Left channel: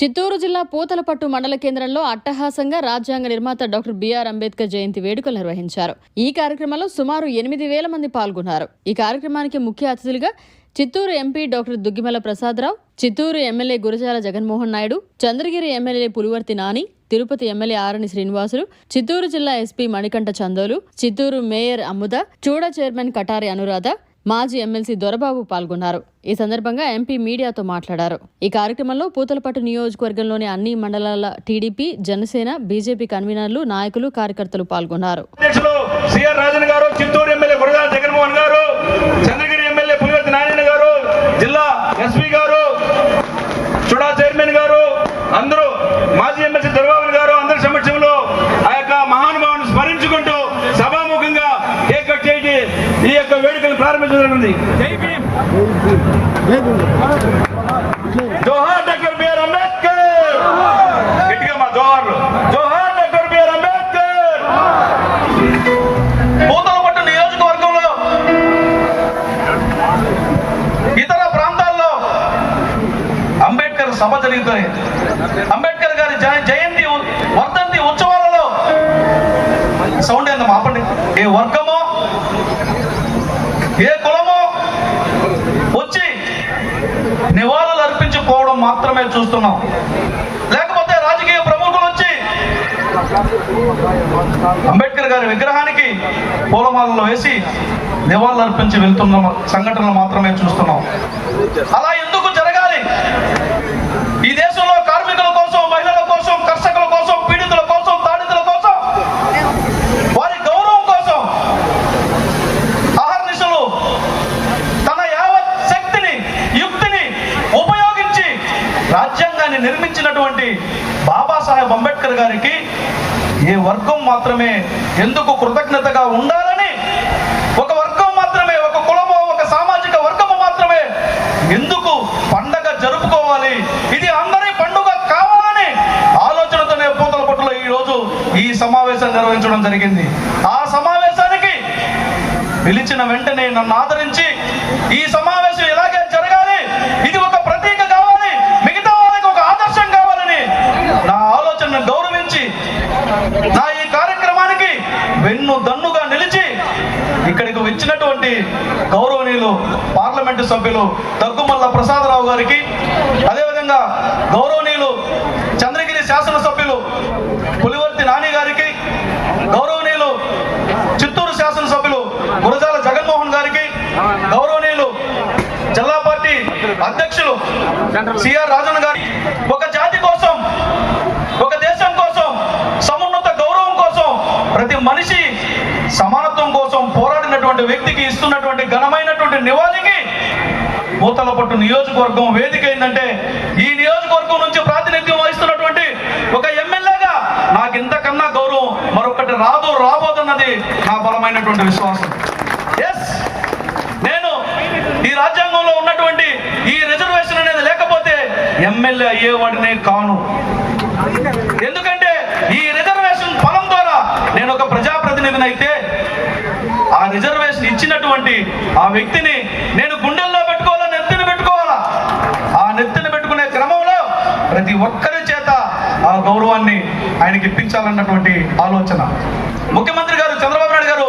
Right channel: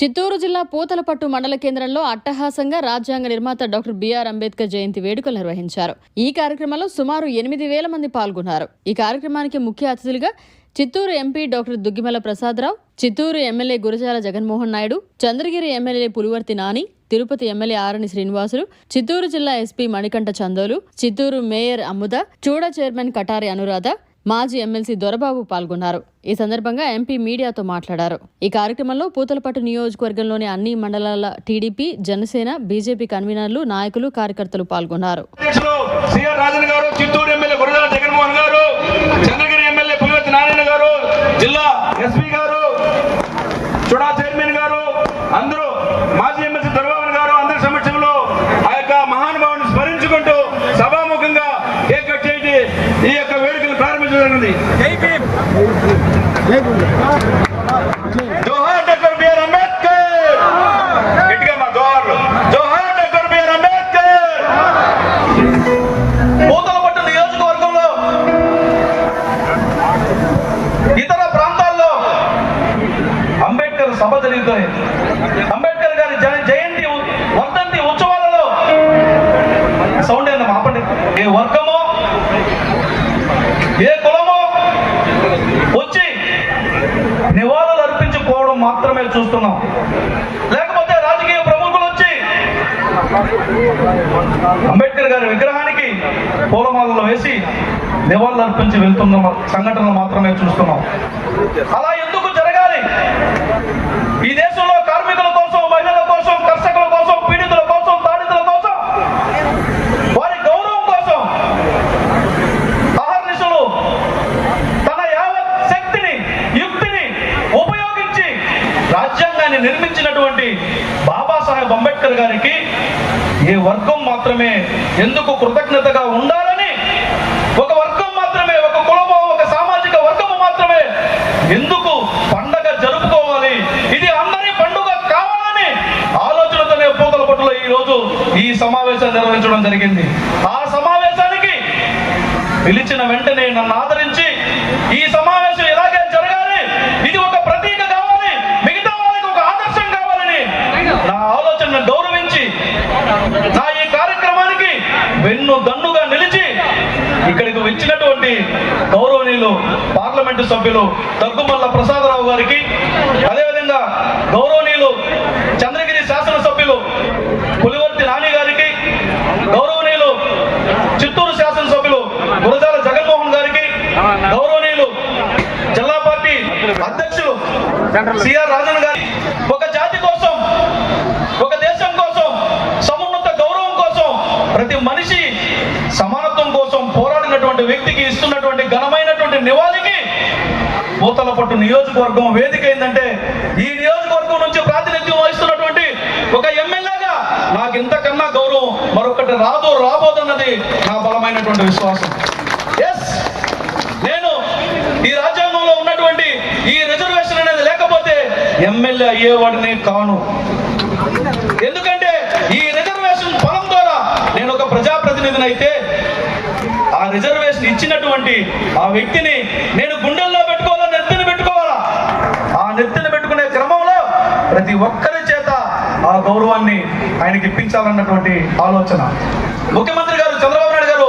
చిత్తూరు జిల్లా పూతలపట్టు మండల కేంద్రంలో అట్టహాసంగా రాజ్యాంగ నిర్మాత డాక్టర్ బిఆర్ అంబేద్కర్ జయంతి వేడుకలు నిర్వహించారు. ఈ కార్యక్రమంలో సుమారు 8,000 మంది పాల్గొన్నారు. ఈ కార్యక్రమానికి ముఖ్య అతిథులుగా Chittoor MP doctor Duggimala Prasada Rao, Chittoor MLA Gurajala Jaganmohan Naidu, Chandragiri MLA Pulivarthi Nani, Tirupati MLA Arani Srinivasulu, Chittoor జిల్లా SP Manikanta Chandolu, Chittoor mayor Ammuda, CUDA chairman Katari Anuradha, మాజీ ఎమ్మెల్సీ దొరబాబు పాల్గొన్నారు. ఈ సందర్భంగా ఎంపీ మీడియాతో మాట్లాడారు. ఈ కార్యక్రమంలో పూతలపట్టు నియోజకవర్గంలోని అన్ని మండలాల టీడీపీ, జనసేన, బీజేపీ కన్వీనర్లు, నాయకులు, కార్యకర్తలు పాల్గొన్నారు. జిల్లా ఎస్పీ గారు, చూడా చైర్మన్ గారు, అందరూ మాజీ ఎమ్మెల్సీ దొరబాబు గారు అందరి సమక్షంలో ఆ యొక్క మహానుభావుని స్మరించుకుంటూ సభాముఖంగా కేక్ కట్ చేసి ఈ యొక్క వేడుకలు ప్రారంభించబడింది. జోహార్ డాక్టర్ బిఆర్ అంబేద్కర్. గట్టిగా మా జోహార్లు. జోహార్ డాక్టర్ బిఆర్ అంబేద్కర్. పూతలపట్టు నియోజకవర్గంలో ఇతర ప్రాంతాల్లో అంబేద్కర్ సభ జరుగుతాయి. అంబేద్కర్ గారి జయంతి వర్ధంతి ఉత్సవాలలో సౌండ్ ఏందో మాపండి. ఏ వర్గమో ఏ కులమో వచ్చి నివాళులు అర్పించుకోవడం మాత్రమే చూస్తున్నాం. లేకపోతే రాజకీయ ప్రముఖులు వచ్చి అంబేద్కర్ గారి విగ్రహానికి పూలమాలలు వేసి నివాళులు అర్పించి వెళ్తున్న సంఘటనలు మాత్రమే చూస్తున్నాం. అలా ఎందుకు జరగాలి? ఈ దేశంలో కార్మికుల కోసం, మహిళల కోసం, కర్షకుల కోసం, పీడితుల కోసం, తాడితుల కోసం, వారి గౌరవం కోసం అహర్నిశలు తన యావత్ శక్తిని, యుక్తిని ఉపయోగించి రాజ్యాంగాన్ని నిర్మించినటువంటి బాబాసాహెబ్ అంబేద్కర్ గారికి ఏ వర్గం మాత్రమే ఎందుకు కృతజ్ఞతగా ఉండాలని, ఒక వర్గం మాత్రమే, ఒక కులమో, ఒక సామాజిక వర్గము మాత్రమే ఎందుకు పండగ జరుపుకోవాలి? ఇది అందరి పండుగ కావాలని ఆలోచనతోనే పూతలపట్టులో ఈ రోజు ఈ సమావేశాన్ని నిర్వహించడం జరిగింది. ఆ సమావేశానికి పిలిచిన వెంటనే నన్ను ఆదరించి ఈ సమావేశం ఇలాగే జరగాలి, ఇది ఒక ప్రతీక కావాలి, మిగతా వాళ్ళకి ఒక ఆదర్శం కావాలని నా ఆలోచనను గౌరవించి నా ఈ కార్యక్రమానికి వెన్ను దన్నుగా నిలిచి ఇక్కడికి వచ్చినటువంటి గౌరవనీయులు పార్లమెంటు సభ్యులు దగ్గుమల్ల ప్రసాదరావు గారికి, అదేవిధంగా గౌరవనీయులు చంద్రగిరి శాసనసభ్యులు పులివర్తి నాని గారికి, గౌరవనీయులు చిత్తూరు శాసనసభ్యులు గురజాల జగన్మోహన్ గారికి, గౌరవనీయులు జిల్లా పార్టీ అధ్యక్షులు సిఆర్ రాజన్ గారి, ఒక జాతి కోసం, ఒక దేశం కోసం, సమున్నత గౌరవం కోసం, ప్రతి మనిషి సమానత్వం కోసం పోరాడినటువంటి వ్యక్తికి ఇస్తున్నటువంటి ఘనమైనటువంటి నివాళికి పూతలపట్టు నియోజకవర్గం వేదిక ఏంటంటే, ఈ నియోజకవర్గం నుంచి ప్రాతినిధ్యం వహిస్తున్నటువంటి ఒక ఎమ్మెల్యేగా నాకు ఇంతకన్నా గౌరవం మరొకటి రాబోతున్నది నా బలమైనటువంటి విశ్వాసం. ఎస్, నేను ఈ రాజ్యాంగంలో ఉన్నటువంటి ఈ రిజర్వేషన్ అనేది లేకపోతే ఎమ్మెల్యే అయ్యేవాడినే కాను. ఎందుకంటే ఈ రిజర్వేషన్ ఫలం ద్వారా నేను ఒక ప్రజాప్రతినిధిని అయితే ఆ రిజర్వేషన్ ఇచ్చినటువంటి ఆ వ్యక్తిని నేను గుండెల్లో పెట్టుకోవాలా, నెత్తిని పెట్టుకోవాలా? ఆ నెత్తిని పెట్టుకునే క్రమంలో ప్రతి ఒక్కరి చేత ఆ గౌరవాన్ని ఆయనకి ఇప్పించాలన్నటువంటి ఆలోచన. ముఖ్యమంత్రి గారు చంద్రబాబు నాయుడు గారు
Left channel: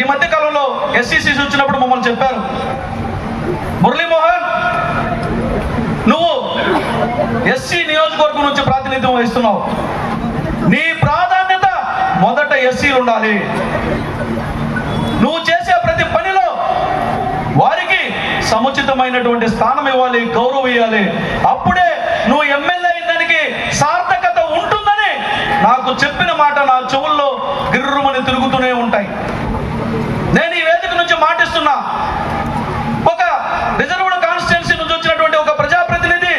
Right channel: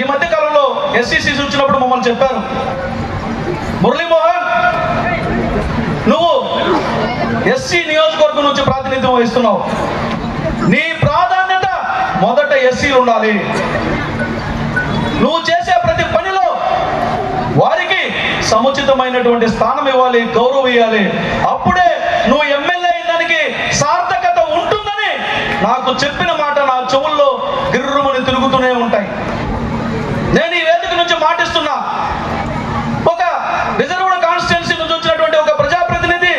ఈ మధ్య కాలంలో ఎస్సీసీ వచ్చినప్పుడు మమ్మల్ని చెప్పారు, మురళీమోహన్, నువ్వు ఎస్సీ నియోజకవర్గం నుంచి ప్రాతినిధ్యం వహిస్తున్నావు, నీ ప్రాధాన్యత మొదట ఎస్సీలు ఉండాలి. నువ్వు చేసే ప్రతి పనిలో వారికి సముచితమైనటువంటి స్థానం ఇవ్వాలి, గౌరవం ఇవ్వాలి. అప్పుడే నువ్వు ఎమ్మెల్యే అయినానికి సార్థకత ఉంటుందని నాకు చెప్పిన మాట నా చెవుల్లో గిర్రుమని తిరుగుతూనే ఉంటాయి. నేను ఈ వేదిక నుంచి మాటిస్తున్నా, ఒక రిజర్వ్డ్ కాన్స్టిట్యున్సీ నుంచి వచ్చినటువంటి ఒక ప్రజాప్రతినిధి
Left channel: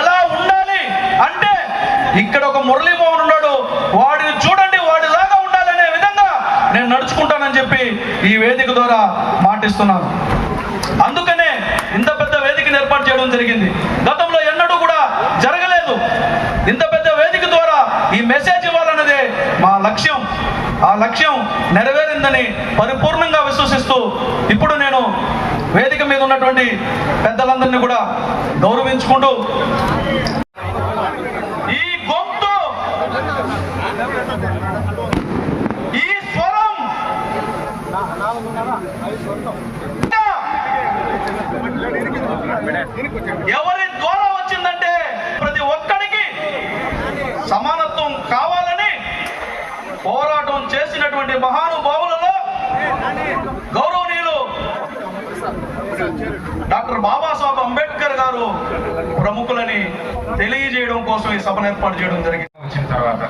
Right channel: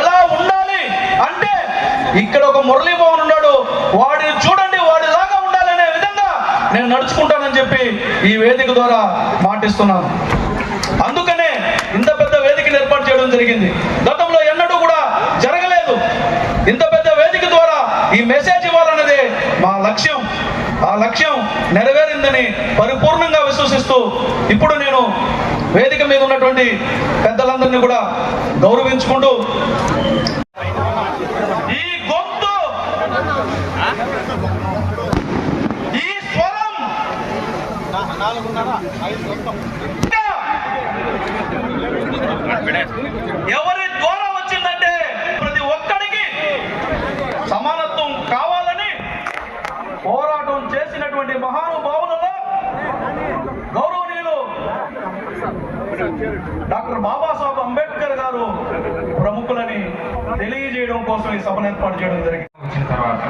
ఎలా ఉండాలి అంటే, ఇక్కడ ఒక మురళీమోహన్ ఉన్నాడు, వాడిని చూడండి, వాడిలాగా ఉండాలనే విధంగా నేను నడుచుకుంటానని చెప్పి ఈ వేదిక ద్వారా మాటిస్తున్నాను. అందుకనే ఇంత పెద్ద వేదికను ఏర్పాటు చేయడం జరిగింది. గతంలో ఎన్నడూ కూడా జరగలేదు. ఇంత పెద్ద వేదిక ద్వారా ఈ మెసేజ్ ఇవ్వాలన్నదే మా లక్ష్యం. ఆ లక్ష్యం నెరవేరిందని పరిపూర్ణంగా విశ్వసిస్తూ ఇప్పుడు నేను వేదిక మీద ఉన్నటువంటి పెద్దలందరినీ కూడా గౌరవించుకుంటూ ఎవరి ద్వారా వచ్చిందంటే ప్రతి ఒక్కడికి సమానత్వం కావాలని పోరాటం చేసినటువంటి మహానుభావులలో గౌరవనీయులు డాక్టర్ బాబాసాహెబ్ అంబేద్కర్ గారు ప్రముఖులని తెలియజేయడం కోసం ఈ సభను ఏర్పాటు చేయడం జరిగింది. వచ్చిన తర్వాత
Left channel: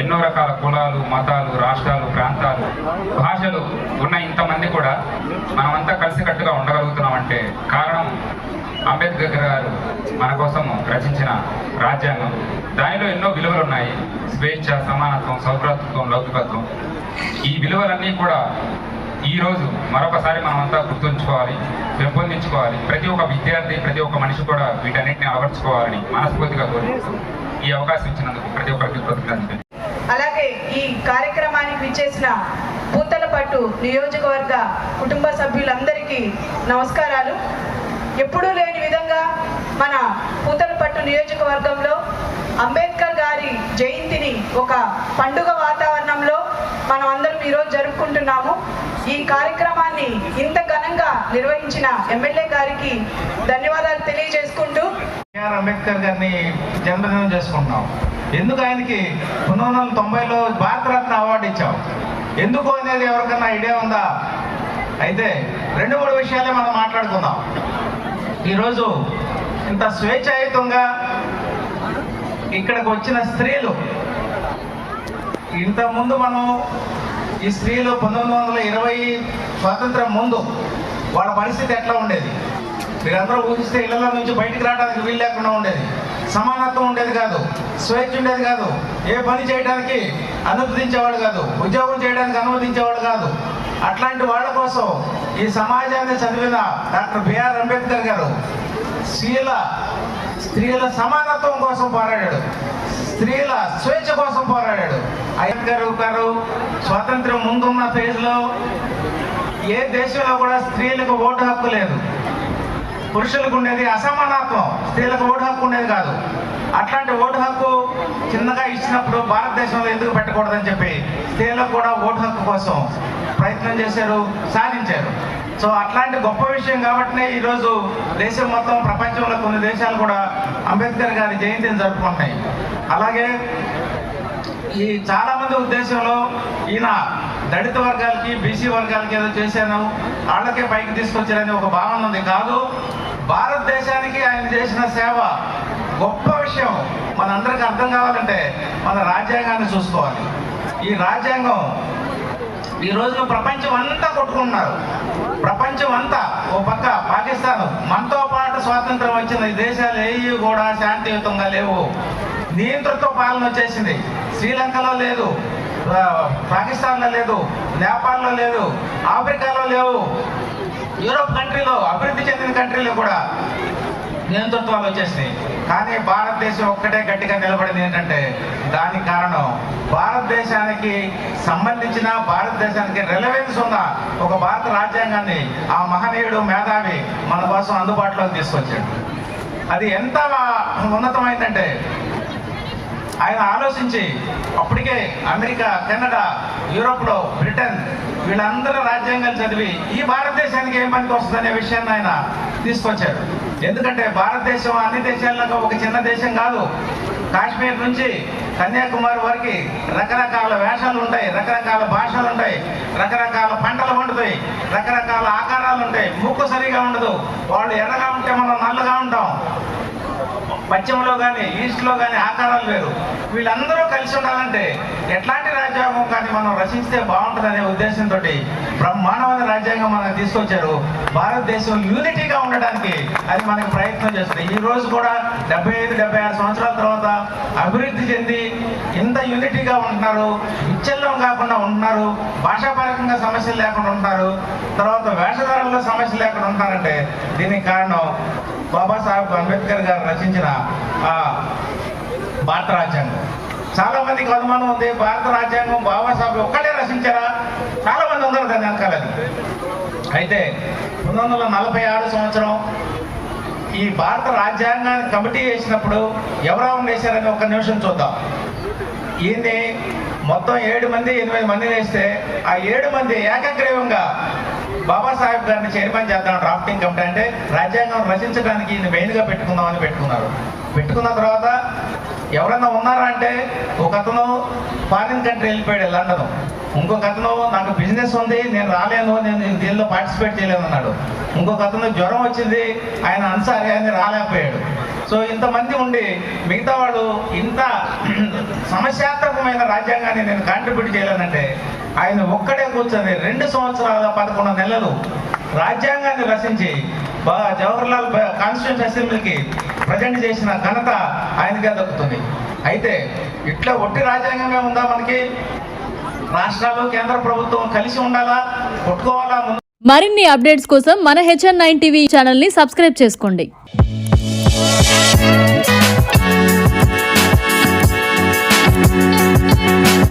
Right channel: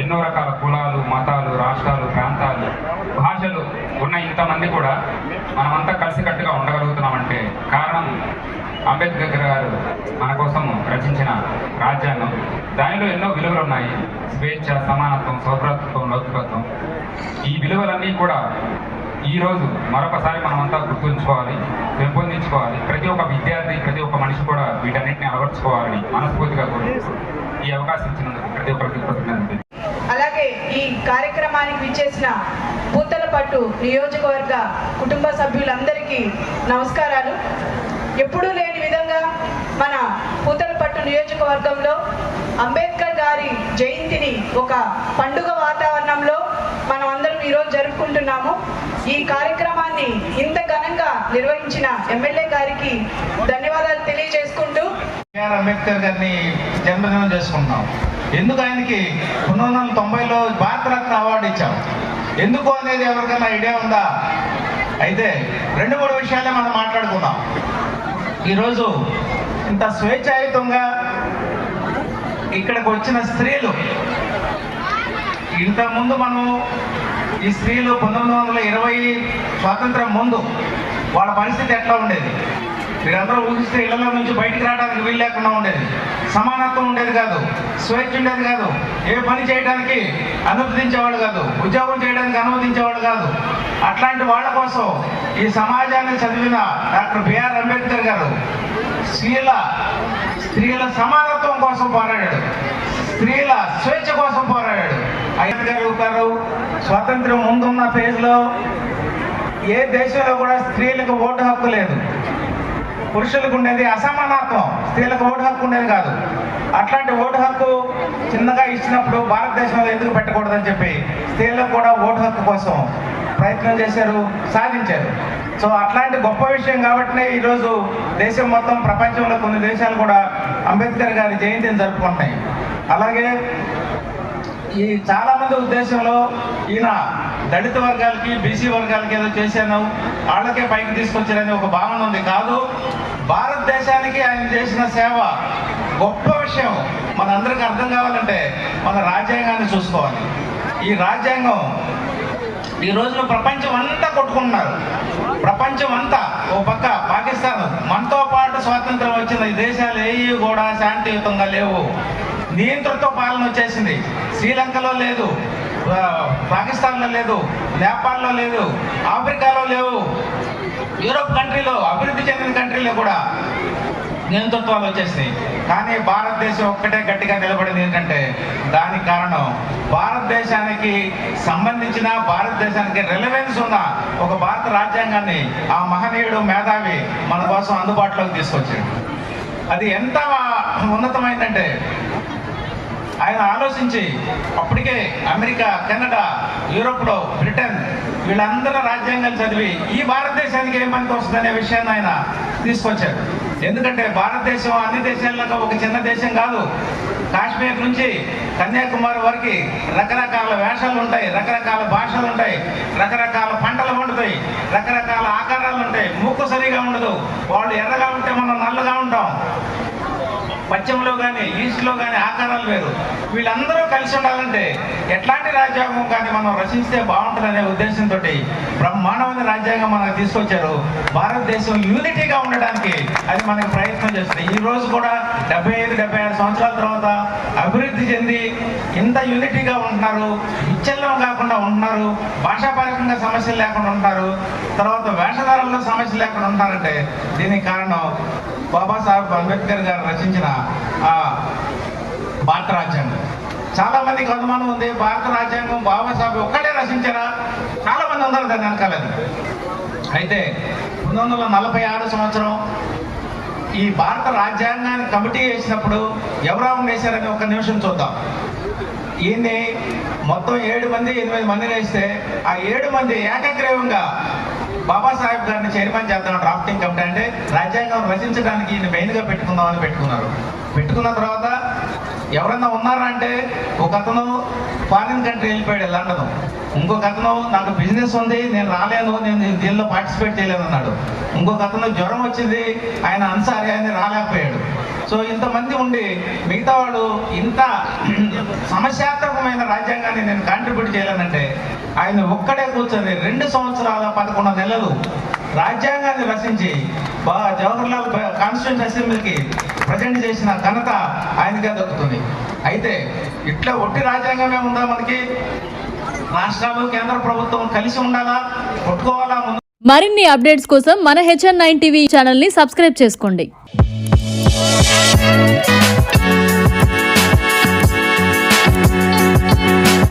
ఎన్నో రకాల కులాలు, మతాలు, రాష్ట్రాలు, ప్రాంతాలు, భాషలు ఉన్న ఇంతమంది కూడా మనమంతా కలిసికట్టుగా ఉండగలుగుతున్నామంటే కారణం అంబేద్కర్ గారు మన కోసం రచించిన రాజ్యాంగం. దానిలో ఎన్నో విలువలు ఉన్నాయి. స్వేచ్ఛ, సమానత్వం, సౌభ్రాతృత్వం, లౌకికత్వం. ఈ విలువలన్నీ కూడా ఈరోజు మరొకసారి మనమంతా గుర్తుంచుకోవాలి, పెంపొందించుకోవాలి. ప్రతి ఒక్క విద్యార్థి, ప్రతి ఒక్క మనిషి కూడా వీటన్నిటిని అలవర్చుకోవాలని మనస్ఫూర్తిగా కోరుకుంటూ ఈ అవకాశం ఇచ్చినందుకు ప్రతి ఒక్కరికి కృతజ్ఞతలు. అలాగే ఈ కార్యక్రమానికి విచ్చేసిన పూతలపట్టు నియోజకవర్గ కుటుంబ సభ్యులందరికీ నమస్కారాలు. ఎప్పుడూ లేని విధంగా మన పూతలపట్టు నియోజకవర్గంలో అంబేద్కర్ గారి జయంతిని ఒక పండుగ వాతావరణంలో మనం అందరం ఈరోజు జరుపుకుంటున్నాము. ఈ కార్యక్రమాన్ని ఇంత ఘనంగా నిర్వహించిన ఎమ్మెల్యే గారికి ధన్యవాదాలు తెలియజేసుకుంటూ బిఆర్ అంబేద్కర్ గారిని జన్మదినం చేసుకుంటున్నాం. ఎందుకు ఆయనకి 1990లో భారతరత్న అవార్డు ఇచ్చాం, ఎందుకు అనేది ఎవరికైనా ఐడియా ఉందా? అయితే 2-3 విషయాలే మనం మాట్లాడుకుందాం. ఈరోజు ఇంత స్వేచ్ఛాయుతంగా ఇక్కడికి వచ్చిన స్త్రీలు, ఇంతకుముందు మనం ఈ స్త్రీలు 1920 స్వాతంత్రం ముందు వాళ్ళ పరిస్థితి ఎట్లా ఉండేది? మీరందరూ ఊహిస్తే ఇళ్లలో నుంచి బయటికి రావడానికి వీలు లేకుండా ఉండేది, సమానత్వం ఉండేది కాదు, స్వేచ్ఛ ఉండేది కాదు, ఏ పని చేయడానికి అనుమతించేవాడు కాదు, ఉద్యోగం చేయడానికి అనుమతించేవాడు కాదు. అట్లాంటి వాళ్ళ కోసం ఈ సమాజాన్ని చదివిన డాక్టర్ బిఆర్ అంబేద్కర్ గారు స్త్రీల సమానత్వం కోసం పోరాడాడు, స్త్రీల స్వేచ్ఛ కోసం పోరాడాడు. అంబేద్కర్ గారు స్వాతంత్రం ముందున్న ఫేజ్లో ఏ దేశంలో కూడా స్త్రీలకు ఓటు హక్కు లేదు. పురుషులకు ఉండేది అసమానత్వం, స్త్రీలకు ఓటు హక్కు ఉండేది కాదు. అట్లాంటి ఓటు హక్కు చిన్నగా ఇచ్చినప్పుడు భారతదేశంలో ఎందుకు పెట్టకూడదని చెప్పి స్త్రీలకు కూడా ఓటు హక్కు కోసం ప్రయత్నం చేశారు, సాధించారు. సో అట్లాంటి గొప్ప విషయం కాబట్టినే ఈరోజు దేశం మొత్తం, ప్రపంచంలో కొన్ని దేశాలు కూడా అంబేద్కర్ గారి జయంతిని జరుపుకుంటున్నాయి. అలాగే ఈ చాలా మంది ఉద్దేశంలో ఈయన దళిత వర్గాలకి, బీసీ వర్గాలకి ఏదో చేశాను, వాళ్ళకే పైకి తీసుకొచ్చారని ఒక భావన ఉంది. కాదు, భారతదేశానికి ఆయన చేసిన సేవ గొప్ప విషయం. మనందరికీ అర్థం కావాలంటే మన రాజ్యాంగాన్ని చూసుకోవాలి. ఈ రాజ్యాంగం ఈ రోజున ప్రపంచం అంతా కొట్టుకుంటున్నారు. ప్రపంచం అంతా, ఓ పక్క పాకిస్తాన్, మనతో పాటు స్వాతంత్రం వచ్చిన ఈ దేశాలు ఏవి కూడా శాంతియుతంగా లేవు. నియంతృత్వ పాలన వచ్చేసింది. శ్రీలంకలో లేదు, పాకిస్తాన్లో లేదు, నేపాల్లో లేదు, ఆఫ్రికాలో లేవు, యూరోప్ కంట్రీలో, అభివృద్ధి చెందిన కంట్రీలో కూడా నియంతృత్వాలు వచ్చేసినాయి. కానీ భారతదేశం ఒక్కటే గట్టిగా నిలబడింది. ఏంటంటే దానికి కారణం భారతదేశానికి సంబంధించిన, భారతదేశానికి రెలవెన్స్ ఉన్న ఒక భారత రాజ్యాంగాన్ని ఆ మహనీయుడు, మేధావి మన కోసం అందుబాటులోకి తీసుకొచ్చాడు. అది ఎంత ఉన్నతమైందంటే ఆయన ఆలోచించి అప్పటికే అమెరికా, కెనడా, యూరోప్లో, బ్రిటన్ వీళ్ళందరూ రాజ్యాంగాలు చదివి ఈ భారతదేశానికి ఏం పనికి వస్తుందనే విషయాన్ని ఆయన తీసుకొచ్చారు. ఎందుకంటే భారతదేశం అన్ని దేశాల్లో ఒక చిన్న దేశం కాదు. కాశ్మీర్ నుంచి కన్యాకుమారి వరకు రకరకాల వేషాలు ఉంటాయి, రకరకాల భాషలు ఉంటాయి, రకరకాల పంటలు పండుతాయి, రకరకాల ఆకారాలు ఉంటాయి. ముక్కు సరిగా ఉండదు, వాళ్ళు ఎర్రగా ఉంటే మనం నల్లగా ఉంటాం. పశ్చిమలో కానీ, ఈస్ట్లో కానీ ఆకారాలు వేరు. వీళ్ళందరూ కలిసి ఉండాలంటే ఎట్లాంటి రాజ్యాంగం కానీ మనం రచిస్తే బాగుంటుందనే ఉద్దేశంతో బ్రహ్మాండమైన రాజ్యాంగం మనకు తీసుకొచ్చారు. భారతదేశం యూనిటీగా ఉండడానికి అది మనకు ప్రయత్నం చేస్తుంది. ఈ రోజు కూడా 75-76 సంవత్సరాల తర్వాత అభివృద్ధి చెంది ఇంత యూనిటీగా ఉంటున్నారు, విచ్ఛిన్నం కాకుండా ఉంటున్నారు, భాషాపరకంగా సమస్యలు లేకుండా ఉంటారు, తర్వాత వేషధారంలో సమస్యలు లేకుండా ఉంటారంటే దీనికి కారణం బాబాసాహెబ్ అంబేద్కర్ గారు రచించిన భారత రాజ్యాంగం. చాలా మందికి అనుమానం ఉంది, భారత రాజ్యాంగం బాబాసాహెబ్ ఒక్కడే రచించారా? చాలా మంది ఉన్నారు దాని వెనకాలని. అయితే 1946 సంవత్సరం ఈ భారత రాజ్యాంగాన్ని కమిటీ వేసినప్పుడు ఎవరెవరు వేశారని ఒక నిమిషం చూద్దాం. ఈయన్ని మొత్తం 7 మంది 8 మంది వేస్తే ఆ 7 మంది ఏకగ్రీవంగా బాబాసాహెబ్ గారిని చైర్మన్ చేద్దాం డ్రాఫ్టింగ్ కమిటీ, అంటే రాజ్యాంగం రచించడానికి ఈయన మెయిన్గా పెట్టుకుందామని పెట్టుకున్నారు. పెట్టుకున్న తర్వాత ఎవరన్నా ఉన్నారా అంటే ఒక అతను ఫారిన్ కంట్రీ వెళ్ళిపోయాడు లండన్, ఇంకొక అతను నాకు బిజినెస్ ఉంది నేను రాలేను, నేను దీనిలో పార్టిసిపేట్ చేయలేను అన్నాడు. ఇంకొక అతను జ్వరం వచ్చింది ఆయన అన్సారీ అని రాలేకపోయాడు. సో ఇంతమంది ఉండి మిగతా వాడు ఇంత సమస్యాత్మకమైన రాజ్యాంగాన్ని నేను కాంట్రిబ్యూట్ చేయాలనంటే ఆయన ఒక్కడే కూర్చొని 2 సంవత్సరాల 11 నెలలు రాజ్యాంగాన్ని రచించి జవహర్లాల్ కాన్స్టిట్యూషన్ అసెంబ్లీకి ప్రజెంట్ చేసిన ఘనత ఆయనకే దక్కుతుంది. అయితే ఇట్లా ఒట్టి రాజ్యాంగమే ఉందా మనకి? రాష్ట్రాలు కేంద్ర ప్రభుత్వం కలిసి ఉండాలా, కొట్టుకోవాలా? మరిన్ని అప్డేట్స్ కోసం మన HN9 టీవీ ఛానల్ ని సబ్స్క్రైబ్ చేసుకోండి.